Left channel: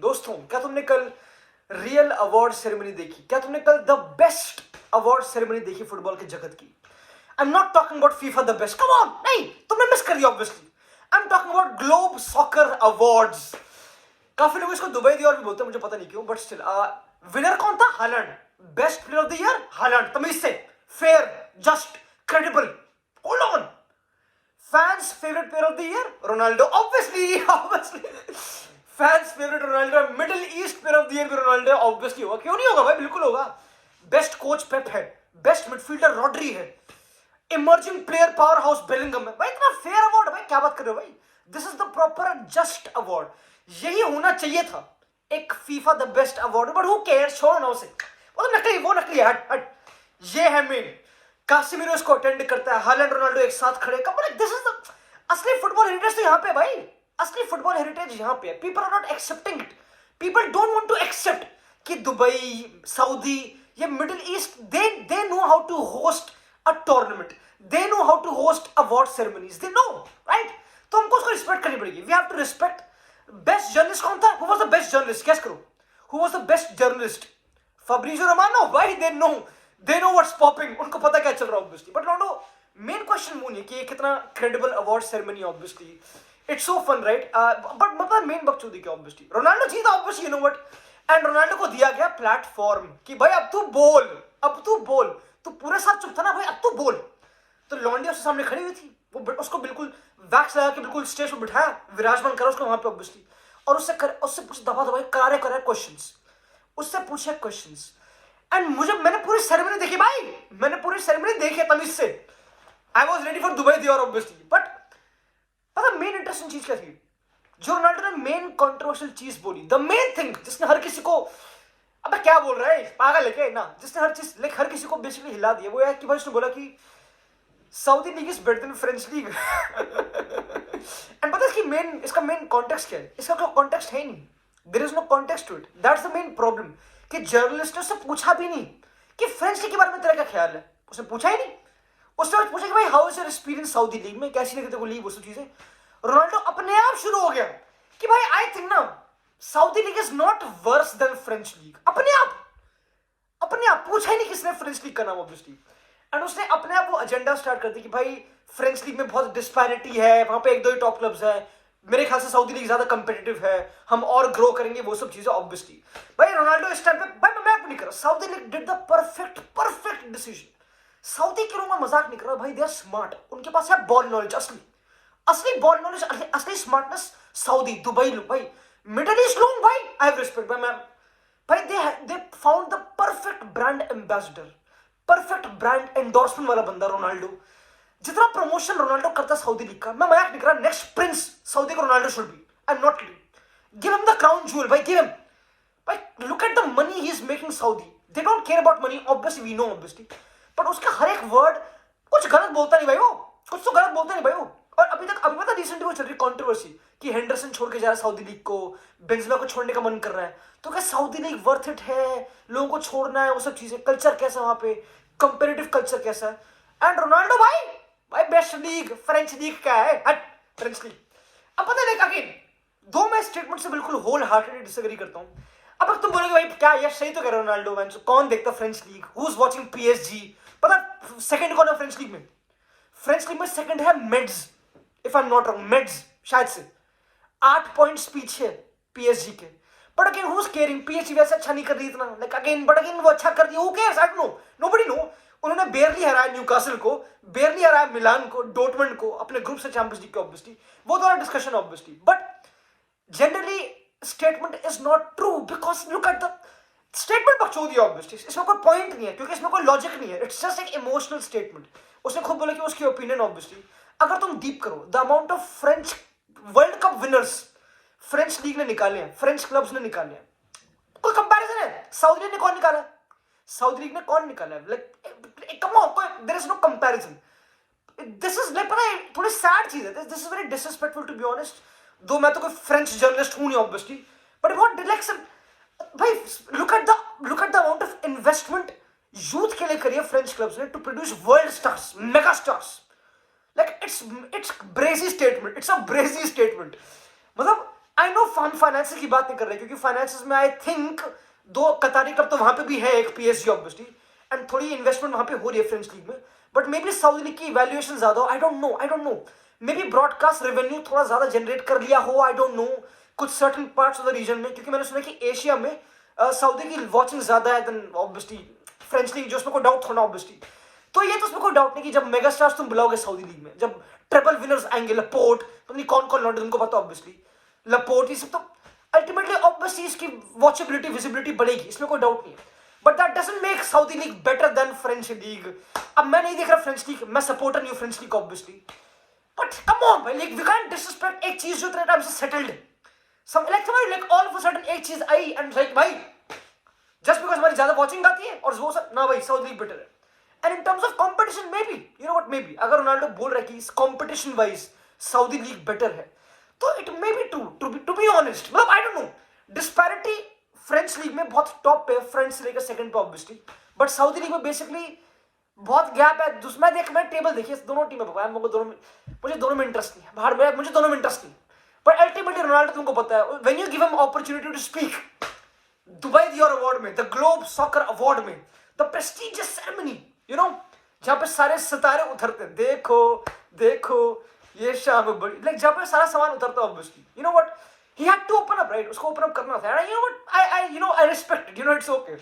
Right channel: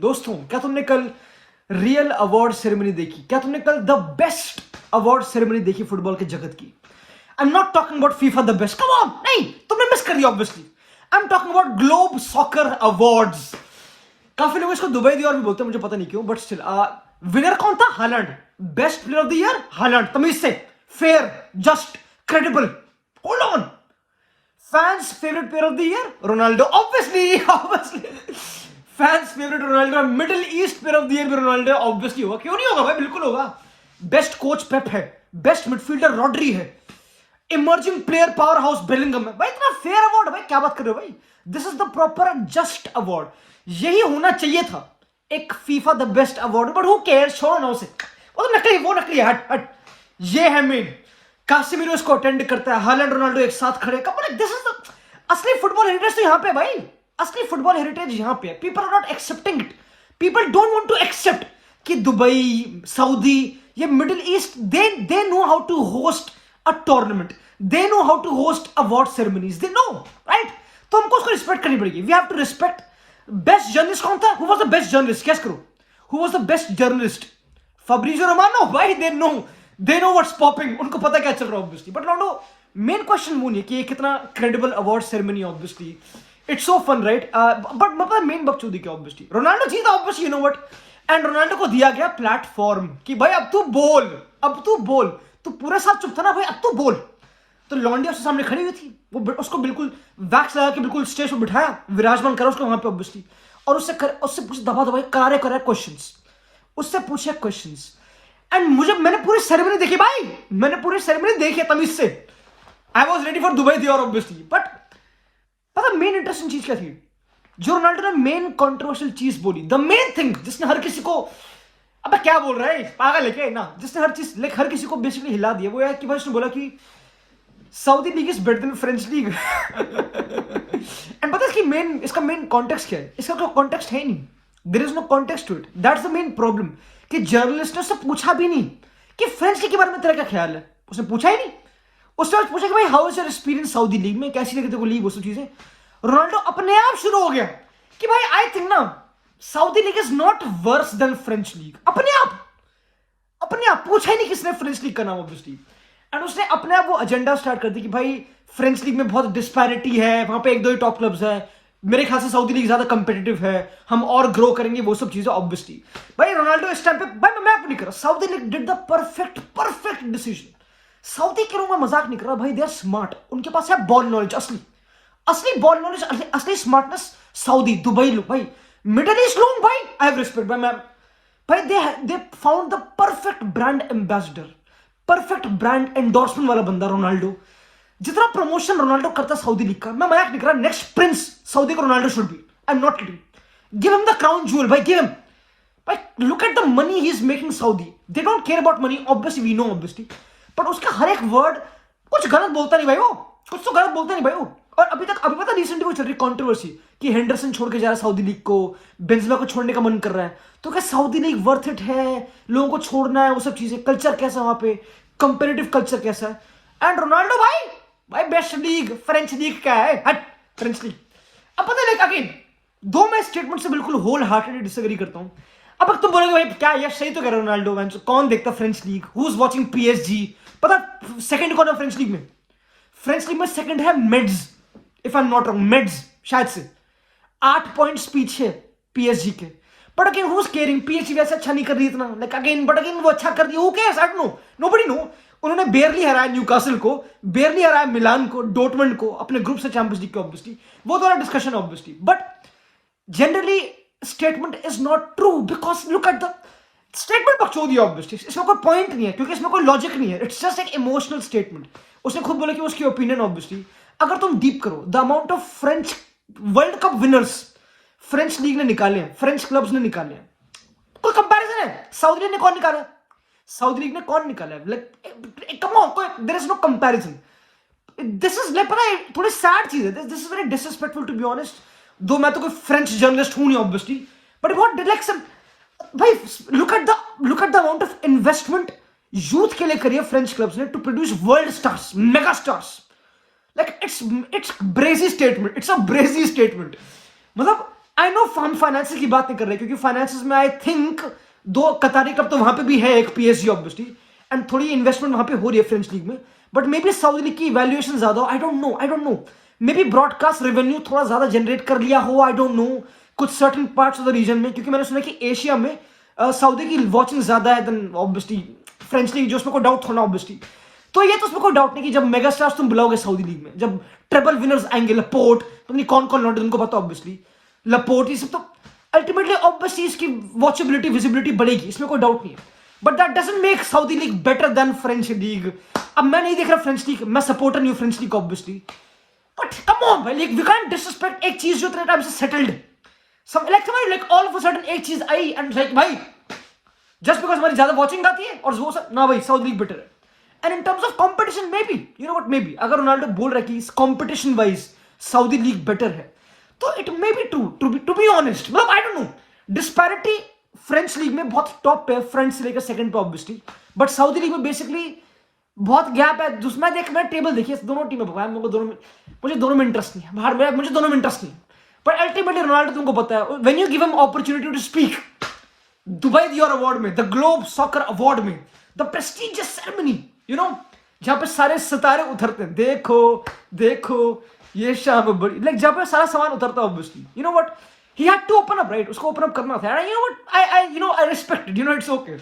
दोस्तों, क्या तुमने कल रियल अवार्ड सेरेमनी देखी? क्या तुमने कल द बेस्ट अवार्ड सेरेमनी देखी फुटबॉल के जगत की? आई am not talking about FIFA the best, come on, नहीं, तुमने मिस कर दिया obviously. I am talking about globe soccer awards. काफी लोग इसको दुबई दी और भी बोलते हैं, मुझे पता नहीं क्यों, बट स्टिल विनर कौन था? Holland. Best player of the year Holland, तमीज से, fair, just, credible. Hold on. Fans favourite player of the year Ronaldo, obviously fans favourite Ronaldo. Middle east player of the year भी Ronaldo obviously होगा, क्यों नहीं होगा भाई, बिल्कुल होगा। बेस्ट कोच पेप है, बेस्ट मिडफील्डर रॉड्री है, emerging player power house Bellingham है। भाई इतना फेयर अवार्ड, भाई क्या बात कर रहे हो भाई? This is the proper just award, यही होना चाहिए था एक FIFA the best award. But who cares, छोड़ो ना उसे, वो तो नकली, वो नकली है, हट हट। ये है मेन, कासिमिरो इसको अटेंड करता है, हालैंड रोनाल्डो एक साथ खड़े। दिस इज द असली फुटबॉल हेरिटेज तो यहाँ पे भाई, असली फुटबॉल हेरिटेज यहाँ पे है। People are not accepting it, people don't want to accept कि दुबई, सऊदी, ये Middle East, they know how to host a tournament, they know how to host award ceremonies, they know, right? तो हमको उसको respect करनी पड़ेगी। We have to respect. Best journalist कौन था? Who was the best journalist? Guess करो, who was the best journalist? Fabrizio Romano. भाई they know what's popping, उनको पता क्या चल रहा है obviously. But Ronaldo, main question वो नहीं कि ये कितना credible award ceremony, obviously it's so fun, right? But मतलब मेन बकचोदी क्या, ऑब्वियसली रोनाल्डो जीता, obviously, you know what. And Ronaldo को दिया गया प्लेटफॉर्म कि भाई अब तू बोल, तू पूरे साथ चुप था ना भाई, अब तू बोल। तो लॉन्डिया उसके सामने खड़ी हुई थी, वो उसको बिल्कुल वैक्स लगा के बिल्कुल स्टेज पर बिठाया, विराजमान करा उसको वहां पे ऑब्वियसली, और उससे पूछे दबा करारे क्वेश्चंस, उससे पूछे क्वेश्चंस। एंड मैंने पूरी सेरेमनी देखी भाई, मैंने पूरी सेरेमनी देखी तमीज से। I was ready for Dubai दी और ऑब्वियसली, बट पता मेन इंटरेस्टिंग चीज क्या थी? जो रोनाल्डो ने मेन कंट्रोवर्शियल चीज बोली, द मेन थिंग जिसने हर किसी को, अबे क्या बोल रहा है पागल है क्या ना, जिसने हर किसी को बेसिकली हिला दिया, वो है कि भाई उसने बोला कि Saudi league is better than French league. And पता है इसका मेन कॉन्टेक्स्ट क्या है? इसका कोई कॉन्टेक्स्ट है नहीं, there is no context to it. That's the main problem कि जर्नलिस्ट ने उससे पूछा भी नहीं कि फ्रेंच लीग के बारे में तेरा क्या ख्याल है, उसने पूछा ही नहीं। उससे आज पूछा कि भाई how is your experience Saudi league में, कैसी लगी तेरे को लीग, वो सब चीजें। रोनाल्डो अपने आप शुरू हो गया कि भाई आई थिंक ना Saudi league is not worse than French league. अपने आप पूछा ही नहीं किसने फ्रेंच लीग का नाम, ऑब्वियसली। एंड उसने अपने आप वो एजेंडा स्टार्ट कर दी कि भाई फ्रेंच लीग में बहुत डिस्पैरिटी है, वहां पे एक दो ही टॉप क्लब्स है, मेरे ख्याल से सऊदी लीग ज्यादा कंपेटिटिव है, हम और ग्रो करेंगे, वो सब चीजें ऑब्वियसली। भाई रोनाल्डो इस टाइम पे, भाई मैं नहीं कर रहा, Saudi league did the perfect decision. Saudi के लोगों में मजाक नहीं कर रहा भाई, दे आर स्मार्ट, उनके पास है बॉल नॉलेज, असली बॉल नॉलेज, असली स्मार्टनेस। सऊदी, दुबई लोग, भाई मिडिल ईस्ट लोग, भाई आई हैव रिस्पेक्ट भाई they found the perfect brand ambassador, perfect brand endorsement वाला बंदा रोनाल्डो। जितना प्रमोशन रोनाल्डो करता सऊदी लीग का, मैं मजाक नहीं कर रहा, नेक्स्ट प्रिंस सऊदी का Ronaldo should be, I am not kidding. Give him the crown jewel भाई, गिव हिम। भाई look at the money he is making Saudi, they don't care about money, obviously we know, obviously, but उसका हर एक word कुछ गलत बोलता नहीं भाई, वो कुछ तो गलत बोलता नहीं भाई वो। और अभी पता रिसेंटली वो चल रही कंट्रोवर्सी कि हेंडरसन छोड़ के जा रहा है सऊदी लीग को, बेंजेमा को छोड़ने का मन कर रहा है। तो क्या सऊदी लीग वर्थ इट है? लोगों को छोड़ना है, वो सब चीजें, कल्चर कैसा वहां पे, कंपेरेटिव कल्चर कैसा है। एंड रोनाल्डो भाई बेस्ट लीग फ्रेंच लीग क्या है, हट, फ्रेंच लीग। अब पता है अगेन, दो मैं स्टेटमेंट से बिल्कुल होल हार्टेडली डिसएग्री करता हूं। अब तुम बोलोगे भाई क्या ये सही तो कह रहे हो रोनाल्डो, कौन देखता French league, who is watching PSG? पता सेकंड कौन है फ्रेंच लीग में? फ्रेंच लीग में सेकंड है मेड्स, if I am not wrong, मेड्स शायद से 8 पॉइंट्स पीछे पीएसजी के। But again who is caring, PSG वैसे अच्छा नहीं कर रही इतना, लाइक अगेन, बट अगेन वो अच्छा कर दिया, who cares, I don't know, nobody know. उन्होंने बेरली हराया न्यूकासल को, बेरली हराया मिलान को, डॉर्टमंड को अपने ग्रुप से चैंपियंस लीग के, ऑब्वियसली वो तो discussion obviously, but generally statement is not true because look at the statement, बकचोदी ऑब्वियसली, इसमें कोई पॉइंट नहीं है क्योंकि इसमें कोई लॉजिक नहीं है, इट्स जस्ट एक इमोशनल स्टेटमेंट। उसने खुद बोला कि उसकी ओपिनियन, ऑब्वियसली अगर तुम डीप करो, the amount of French world cup winners French league ने निकाले हैं, फ्रेंच क्लब्स ने निकाले हैं, कोई कंपैरिजन है? सऊदी लीग ने कौन निकाला? सऊदी लीग ने कौन निकाला है? लाइक कम ऑन, कोई there is no comparison. This is like, पता है थोड़ी सैड चीज है, this is very disrespectful to be honest, though मैं तो कोई फ्रेंच जर्नलिस्ट हूं नहीं ऑब्वियसली, बट व्हाट डायरेक्शन भाई, look at the amount of investment youth के लिए करी है फ्रेंच क्लब्स ने to produce world stars, mega stars. Like it's brazy statement, it's a brazy statement. मतलब आई नो हम फाइनेंसेस की बात नहीं कर रहे क्योंकि फाइनेंसेस में आई थिंक 2 कतारी क्लब तो वहां पे भी है, एक पीएसजी ऑब्वियसली, एंड थोड़ी इन्वेस्टमेंट वहां पे हो रही है फ्रेंच लीग में, but may be Saudi league की वैल्यूएशन ज्यादा हो, I don't know, may be broadcast revenue थोड़ा ज्यादा जनरेट कर लिया हो, आई डोंट नो, कुछ certain parts of the region में, क्योंकि मैंने सुना कि एशिया में सऊदी की वॉचिंग ज्यादा है देन ऑब्वियसली फ्रेंच लीग, जो उसमें कोई डाउट थोड़ा ऑब्वियसली। तो ये तो उसमें कोई डाउट नहीं कि जब मेगा स्टार्स तुम बुलाओगे सऊदी लीग में, जब ट्रिपल विनर्स आएंगे, लपोर्ट, तुमने कौन कौन लौटे तुमको पता ऑब्वियसली, लपोर्ट, ये सब तो अल्टीमेटली ऑब्वियसली इसकी वॉचेबिलिटी विजिबिलिटी बढ़ेगी, इसमें कोई डाउट नहीं है, but that doesn't make Saudi league better than French league. अब मैं नहीं देख रहा फ्रेंच लीग, मैं सपोर्टर नहीं हूं French league obviously, but come on भाई, वी कांट डिसरिस्पेक्ट एक चीज जो इतने टाइम से settled, like all of a sudden एक चीज आई एंड लाइक भाई जस्ट बिकॉज हमारी ज्यादा वॉचिंग आती है और वो सब ना भाई सऊदी लीग बेटर है। And in terms of competition maybe you know what, maybe अगर रोनाल्डो बोल रहा है कि competition wise Saudi league better है तो it may be true, to be honest, मतलब I don't know, disparity French league में बहुत टॉप पे, फ्रेंच से लेकर सेकंड पे ऑब्वियसली, बट सऊदी लीग में बेसिकली बहुत गैप है। दूसरा मैं टेबल देखिए दोनों टीमें पकड़ा है, मुझे दोनों में इंटरेस्ट नहीं है, बाहर में मुझे दोनों में इंटरेस्ट नहीं है, पर अल्टीमेटली रोनाल्डो तुमको पता है when you give him opportunity to speak Dubai Dior award में, द ग्लोब सॉकर अवार्ड में, the prestigious ceremony, you know, जहां पे सारे सितारे उतरते हैं, देखो देखो ये शाम बड़ी, लाइक जहां पे सारा सामान उतरता है obviously, you know what, he had to open up, right, उसको ओपन अप करना था, you know what, I respect it, you know, it's okay.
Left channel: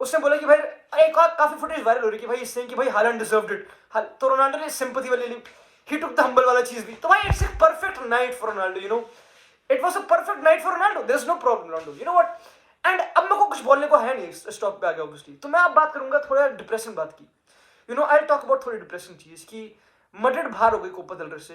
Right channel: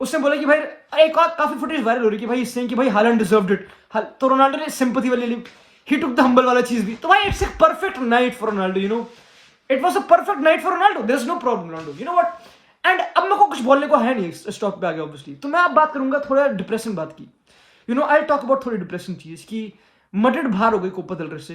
उसने बोला कि भाई एक और काफी फुटेज वायरल हो रही कि भाई इसने कि भाई हालैंड डिजर्व्ड इट, तो रोनाल्डो ने सिंपैथी वाली ली, ही टुक द हम्बल वाला चीज भी, तो भाई it's a perfect night for Ronaldo, you know, it was a perfect night for Ronaldo, there is no problem Ronaldo, you know what. And अब मेरे को कुछ बोलने को है नहीं इस टॉपिक पे आगे ऑब्वियसली, तो मैं अब बात करूंगा थोड़ा डिप्रेसिंग बात की, you know, I talk about थोड़ी डिप्रेसिंग चीज की मैड्रिड बाहर हो गई कोपा del Rey से।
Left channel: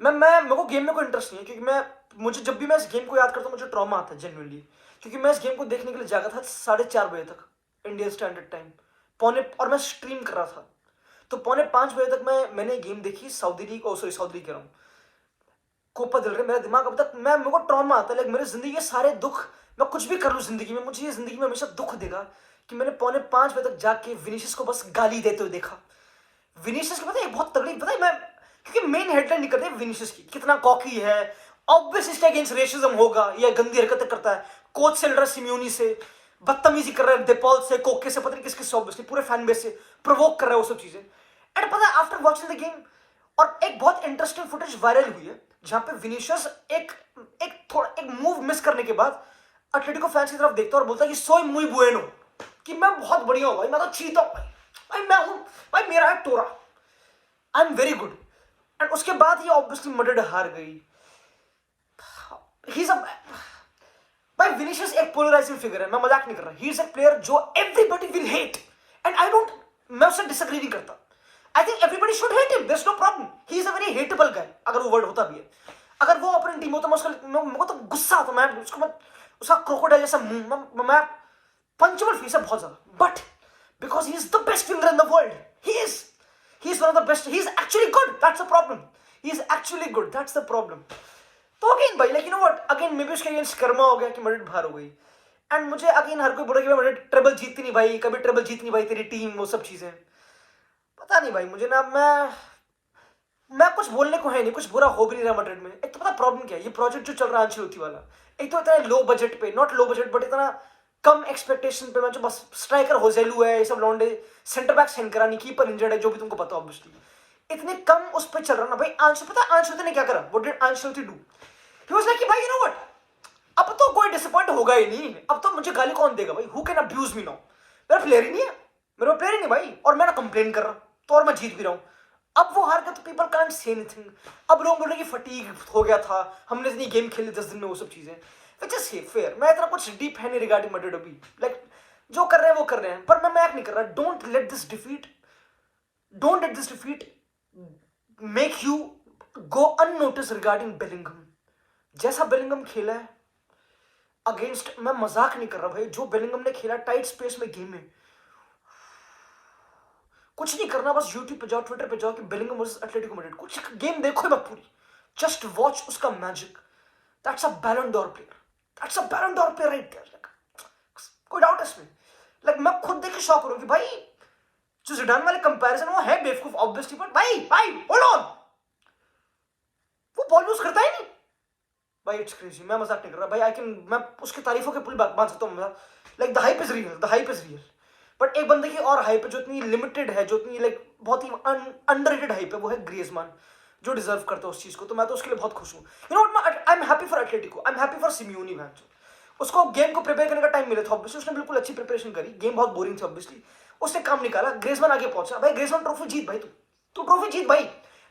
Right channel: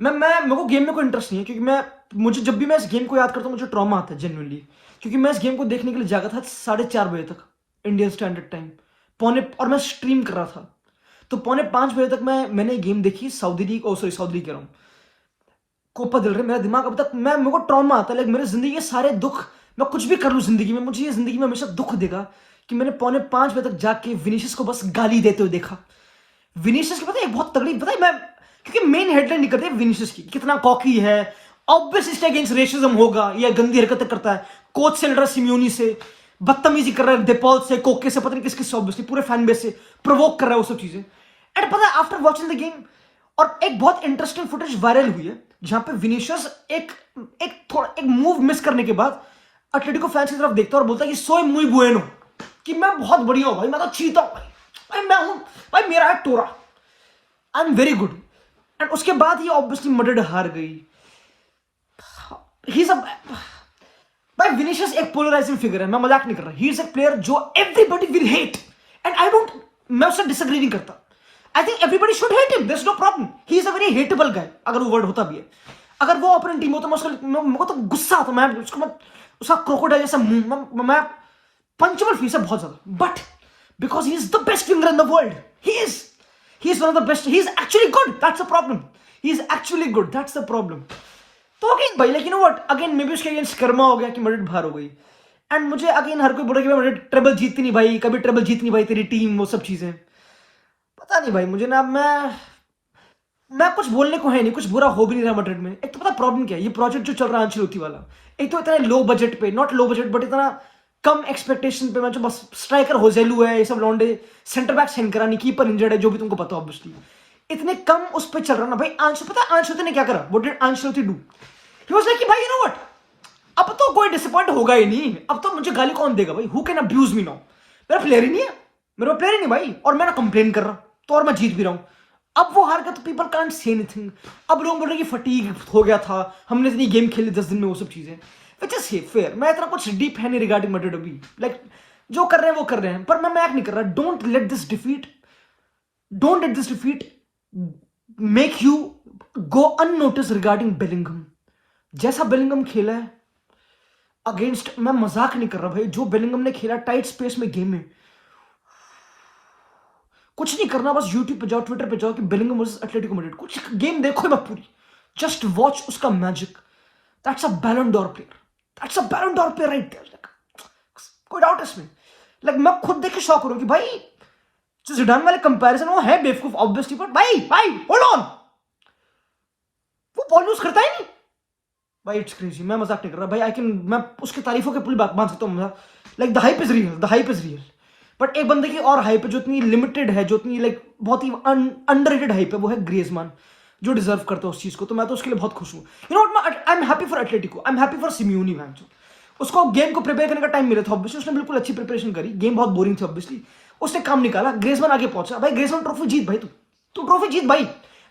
मैं मेरे को गेम में कोई इंटरेस्ट नहीं है क्योंकि मुझे जब भी मैं इस गेम को याद करता हूँ मुझे ट्रॉमा आता है जेन्युइनली, क्योंकि मैं इस गेम को देखने के लिए जागा था 4:30 बजे तक इंडियन स्टैंडर्ड टाइम, और मैं स्ट्रीम कर रहा था, तो 4:45 बजे तक मैंने गेम देखी, सऊदी लीग, सऊदी लीग कह रहा हूँ, कोपा del Rey। मेरा दिमाग अब तक मेरे को ट्रॉमा आता है, लाइक मेरी जिंदगी के सारे दुख, मैं कुछ भी कर लूँ जिंदगी में, मुझे ये जिंदगी में हमेशा दुख देगा कि मैंने 4:45 बजे तक जाके विनीशियस को बस गाली देते हुए देखा। विनीशियस की पता है एक बहुत तगड़ी, पता है मैं, क्योंकि मेन हेडलाइन नहीं करते विनीशियस की कितना कॉकी है, ऑब्वियस इसके अगेंस्ट रेसिज्म होगा, या गंदी हरकतें करता है, कोच से लड़ रहा है, सिम्योनी से बदतमीजी कर रहा है, डेपॉल से, कोके से, पता नहीं किस किस से, ऑब्वियसली पूरे फैन बेस से प्रोवोक कर रहा है वो सब चीजें। एंड पता है आफ्टर वॉचिंग द गेम, और एक बहुत इंटरेस्टिंग फुटेज वायरल हुई है जहां पे विनीशियस एक मूव मिस करने के बाद एटलेटिको फैंस की तरफ देखता है और बोलता है कि सोई मुई बुएनो, कि मैं बहुत बढ़िया हूं भाई, मैं तो चीता हूं भाई, मैं हूं भाई, मेरा है टोरा, I am very good. And उसके बाद ये ऑब्वियसली मैड्रिड हार गई। ही सब भाई विनीशियस एक पोलराइजिंग फिगर है, मैं मजाक नहीं कर रहा, ही इज एक प्लेयर जो everybody will hate, and I don't, मैं उससे डिसएग्री नहीं करता, I think everybody should hate him, there is no problem, he is a very hateable guy, अगर वो वर्ड होता भी है, अगर वो अपनी टीम होता मेरे को तो गुस्सा आता, मैं उसका क्रोकोडाइल जैसा मुंह, मैं पंचेबल फीस है बहुत ज्यादा, but because he is the best winger in the world, he is one of the best, he is actually good, that's a problem, he is actually good, that's the problem. तो again भाई, like you know what, again may be उसके against Karma हो गया कि Madrid बाहर हो गई, and मुझे अगेन हर कोई बोला कि भाई मैड्रिड ट्रेबल जीतती नहीं भाई, कभी ट्रेबल जीतनी भाई तेरी टीम, वो सब चीजें, पता नहीं भाई, मुझे ना, मैं कुछ बोलने को है नहीं, कुछ बुरा हो भी नहीं रहा मैड्रिड में। एक तो पता प्रॉब्लम क्या है, ये प्रोजेक्ट जो चल रहा है अंचेलोत्ती वाला, एक तो इतना लो बजट पे, नॉट लो बजट बट इतना कम एक्सपेक्टेशन पे, मैं जो बस स्ट्राइकर होजेलू है, ये सब लॉन्डे, सेंटर बैक सेंकरानी, कीपर इंजर्ड है, जो भी तुमको पता ऑब्वियसली, इतने कम उस पर चल रहा ना भाई। पता है अंचेलोत्ती ने क्या करा, what did Ancelotti do, he was like कि भाई यू नो व्हाट, अब तो कोई डिसअपॉइंट होगा ही नहीं, अब तो मुझे गाली कौन देगा भाई, who can abuse me now, मेरा प्लेयर ही नहीं है, मेरा प्लेयर ही नहीं भाई, और मैं ना कंप्लेन कर रहा, तो और मैं जीत भी रहा हूं, अब वो हार गया तो पीपल कांट से एनीथिंग, अब लोग बोल रहे हैं कि फटीग हो गया था, हमने इतनी गेम खेली 10 दिन में, वो सब चीजें, विच इज फेयर, मैं इतना कुछ डीप है नहीं रिगार्डिंग मैड्रिड अभी, लाइक जो कर रहे हैं वो कर रहे हैं, पर मैं मैक नहीं कर रहा, don't let this defeat make you go unnoticed regarding Bellingham. जैसा बेलिंगम खेला है अगेंस्ट, मैं मजाक नहीं कर रहा भाई, जो बेलिंगम ने खेला टाइट स्पेस में गेम में, कुछ नहीं करना, बस यूट्यूब पे जाओ, ट्विटर पे जाओ कि बेलिंगम वर्सेस एटलेटिको मैड्रिड, कुछ गेम देखो मैं पूरी, जस्ट वॉच उसका magic, that's a Ballon d'Or player, that's a Ballon d'Or player right there, कोई डाउट इसमें, लाइक मैं खुद देख के शॉक हो रहा हूं कि भाई जो जिडान वाले कंपैरिजन वो है बेवकूफ ऑब्वियसली, बट भाई होल्ड ऑन, वो बॉल यूज करता ही नहीं, भाई इट्स क्रेजी, मैं मजाक नहीं कर रहा भाई, मैं उसकी तारीफों के पुल बांध सकता हूँ, like the hype is real, the hype is real. But एक बंदे की और हाइप है जो इतनी लिमिटेड है, जो इतनी लाइक बहुत ही अंडररेटेड हाइप है, वो है ग्रीजमान, जो डिजर्व करता है उस चीज को। तो मैं तो उसके लिए बहुत खुश हूँ। You know what, I am happy for Atletico, I am happy for Simeone man. उसको गेम को प्रिपेयर करने का टाइम मिला था ऑब्वियसली, उसने बिल्कुल अच्छी प्रिपरेशन करी, गेम बहुत बोरिंग थी ऑब्वियसली, उसने काम निकाला, ग्रीजमान आगे पहुंचा। भाई ग्रीजमान ट्रॉफी जीत भाई, तू ट्रॉफी जीत भाई।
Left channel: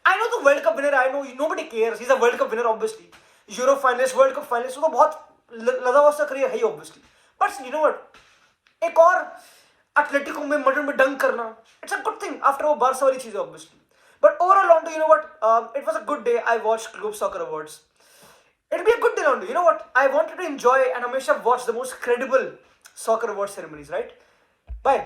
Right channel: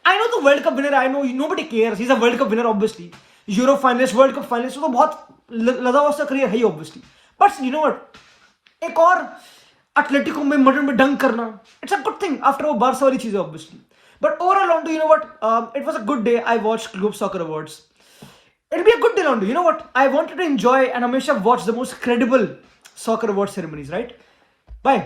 आई नो तू world cup winner, I know nobody cares, he is a world cup winner obviously, Euro finalist, world cup finalist, तो बहुत लजावस्ता करियर है he obviously. But you know what, एक और एटलेटिको में मर्डर में डंक करना, it's a good thing after वो बारसा वाली चीजें ऑब्वियसली। But overall on to, you know what, it was a good day. I watched globe soccer awards, it'll be a good day on. You know what? I wanted to enjoy and Hamisha watch the most credible soccer award ceremonies, right? Bye.